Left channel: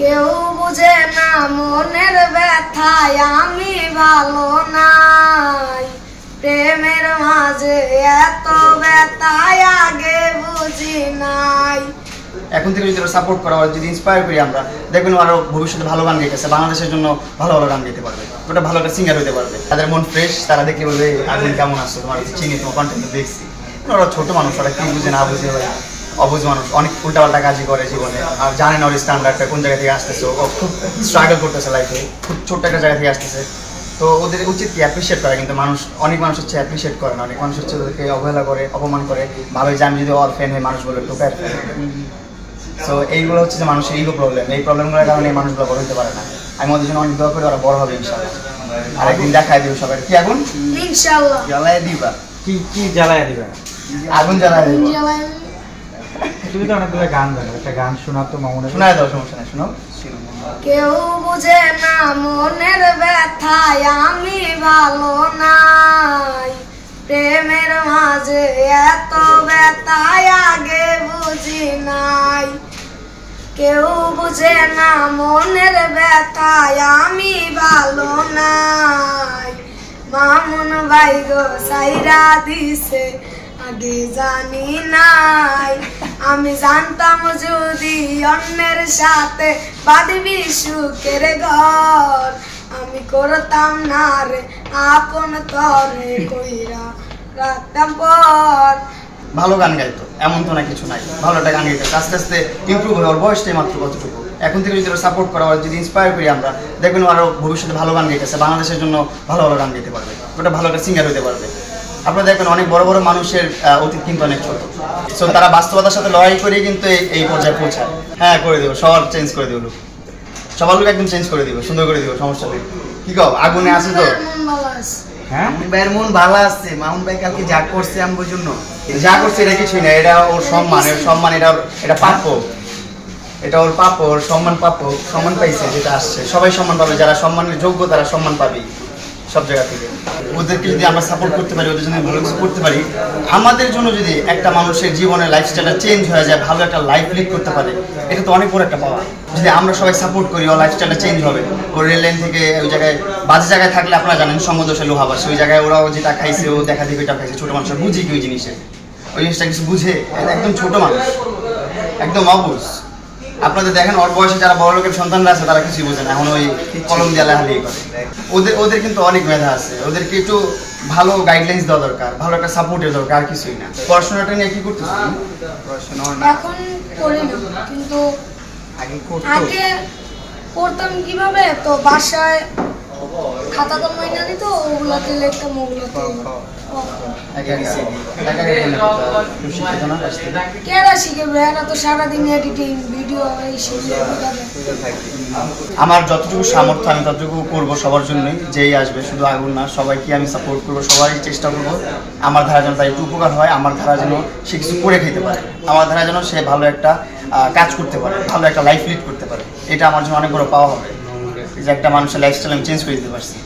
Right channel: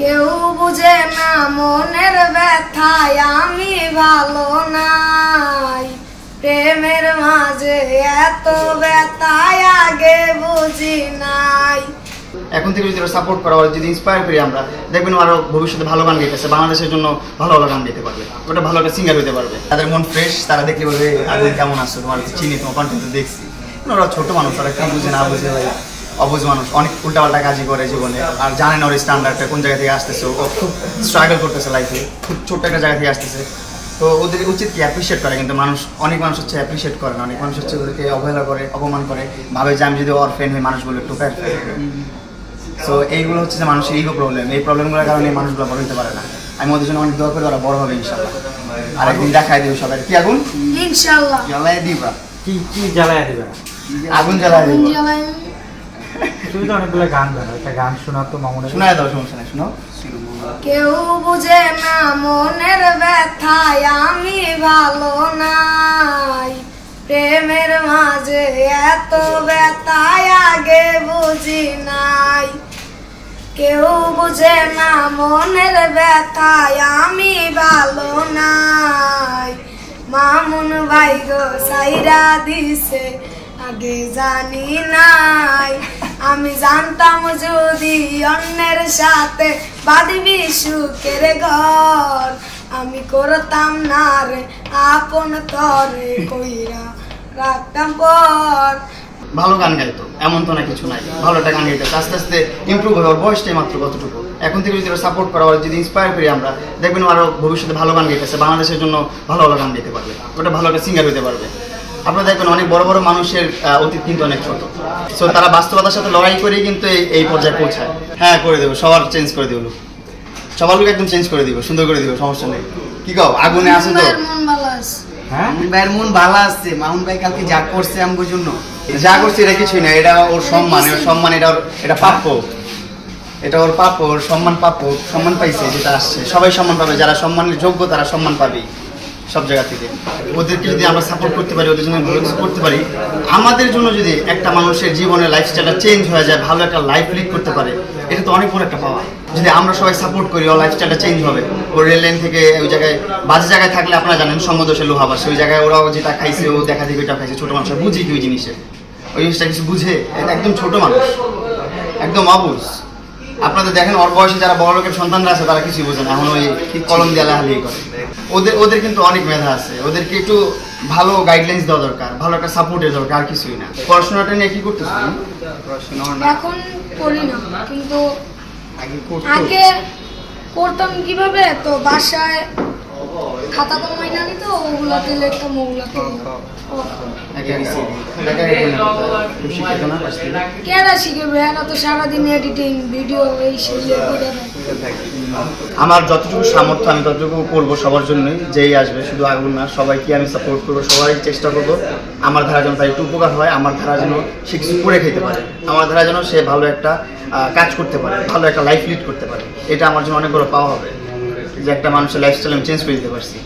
কেউ বুঝে না মনের ব্যথায় আমি ভালো নাই, প্রেমের মাঝে এত ব্যথায় আগে বুঝি নাই। এখন থেকে যদি সাপোর্ট করা হয়, যদি ইন্সপায়ার করি আমরা, দেখবেন আরো ভবিষ্যতে ভালো গান গাইতেছে, বাংলাদেশের জন্য ভালো ভালো গান গাইতে পারবে, ওটা ভালো একটা সিঙ্গার হতে পারবে। তাদের মন ফ্রেশ, তারা দেখলে বলবে আপনি কেমন আছো, তোমার চিনি, তোমার কন্টেন্ট দেখছি। ওরা ছোট মানুষ, তারা কি বুঝে না বুঝে, ভাই অবুঝ মানুষ, অনেক উল্টাপাল্টা কাজই করে জীবনে, আর জানে না ওর স্ট্যান্ডার্ডটা কোন জায়গা থেকে আসতেছে। ও খুব স্ট্রাগল করতেছে লাইফে, খুব ছোট্ট একটা জায়গা থেকে আসতেছে। তো ওদের উচিত কি অ্যাপ্রিসিয়েট করে, কিন্তু অনেক মানুষ হচ্ছে অ্যাপ্রিসিয়েট করে না, অনেক মানুষ হচ্ছে ওদেরকে অবহেলা করে, অপমান করে, ভাবে যে আমি যদি অরফেন হয়ে মানুষ বলে টোকার। সো এইগুলো হচ্ছে যে মানুষের ইগো প্রবলেম, এই প্রবলেমগুলোর কারণে মানুষগুলো বড় হতে পারে না। আমি ওদের জন্য অনেক দোয়া করি, ওরা বড় হবে ইনশাআল্লাহ, আরেকদিন দেখাই দেবো সবাই। কি আগুন ইনশাআল্লাহ জ্বালায় দিবা, কি জ্বালায় দিবা? আগুন জ্বালায় দিবা। তুমি তো অনেকগুলো গান জানো, একটা গান শোনাও তো মামুনের। শোনায় দাও, সমস্যা নেই, শোনাও। কেউ বুঝে না মনের ব্যথায় আমি ভালো নাই, প্রেমের মাঝে এত ব্যথায় আগে বুঝি নাই। কেউ বুঝে না মনের ব্যথায় আমি ভালো নাই, মামুন ভাই গো সাইরা দিছে আগে জানি নাই। আমি জানতাম যদি অন্যের সাথে বাঁধবি সুখের ঘর, আমি করতাম না রে আপন তরে কইরা রাখতাম পর। ভালো গান গাইতো, এমন তো না কিছু নাই, ভালো একটা গান গাইতো, আস্তে আস্তে ইমপ্রুভ হয়। ওর বয়সটাই মাত্র কতটুকু, এখন থেকে যদি সাপোর্ট করা হয়, যদি ইন্সপায়ার করি আমরা, দেখবেন আরো ভবিষ্যতে ভালো গান গাইতেছে, বাংলাদেশের জন্য ভালো ভালো গান গাইতে পারবে, ওটা ভালো একটা সিঙ্গার হতে পারবে। আপনারা দেখবেন অনেক বড় বড় মানুষের অতীত কিন্তু অনেক ছোট, সো তারা বাস্তবতার সাথে লড়াই করেই কিন্তু এই পর্যায়ে পৌঁছায়। হ্যাঁ, করে দেবো, সবার চেঞ্জ করে দেবো, সবার লোক একদম চেঞ্জ করে দিব, সুন্দর করে দিব, সমস্যা নেই। কি কও, আগুনে আছে তো? হ্যাঁ, মামুন ভাইয়ের মন ভালো আছে। মামুন ভাই কালকে যা করছে আমার জন্য, যা করছে এটা কিছুই না, এটা ওর সম্মান, ওর সম্মান, এটা প্রাপ্য, এটা ওর প্রাপ্য, ওর সম্মান প্রাপ্য, সম্মান পাইছে যেটা আসছে। সবাই সম্মান পাবে, যারা সম্মানের যোগ্য তারা সম্মান পাবে সব জায়গা থেকে। ওদেরকে যদি আমরা সাপোর্ট করতে পারি, ওদের জন্য করতে পারি, আমাদের জন্য যদি একটা মানুষের জীবনের লাইফস্টাইলটা চেঞ্জ হয়ে যায়, ভালো একটা লাইফ লিড করতে পারে, এটা তো অনেক বড় একটা পাওয়া। যদি আমরা সবাই সাপোর্ট করি, ওর লাইফস্টাইলটা চেঞ্জ হবে। ওর রেল লাইন থেকে ওই জায়গায় বাজে জায়গায় থাকলে আপনারা জানেন সমদোষে লোহা বাসে, ওই জায়গায় ওরাও যেটা খাইছে, ও দেখা দিবে এটা খাইছে। ছোট মানুষের বুঝি কি ওই জিনিসের, ওই জিনিসটা কিছু বুঝে, এটা একদম ছোট মানুষ, একদম অবুঝ। আপনাদের দেখেন ওর বয়সে যারা বড় লোকের সন্তানরা আছে তারা কিছুই বোঝে না, এখন ওই কলম দিয়ে লেখালেখি করে। ওদের কিন্তু অনেক মেধা আছে, ওদেরকে একটু ভালো গাইডলাইন্স দেওয়া দরকার, ভালো একটা সাপোর্টের দরকার, আর কিছুই না। পড়াশোনাটা নিয়ে কি করতেছ? এখন করি না, কিন্তু আগে আগে করতাম। কিভাবে, তো বাসায় খাতা তো মাইনা নিত, ওগুলাতে লিখতাম, ওগুলাতে কেরা শিখে এরা তো সারাদিন এডিটিং ভিডিও এই সেই। আমার যতটুকু সামর্থ্য আমি ততটুকু করবো সবার জন্যই, যেই আসবে, শুধু আগুন না, সবাইকে আমি সাপোর্ট করবো, সবাই চেষ্টা করবো আমার ধারা যেন তার একটু উপকার হয়, আমার ধারা যেন সে কিছু করে খেতে পারে, আমার ধারা যেন সে ভালো একটা কাজ করতে পারে, ভালো একটা লাইফ লিড করতে পারে। এটা আমার জন্য অনেক বড় পাওয়া হবে, যে একটা মানুষের লাইফস্টাইল আমি চেঞ্জ করে দিতে পারছি।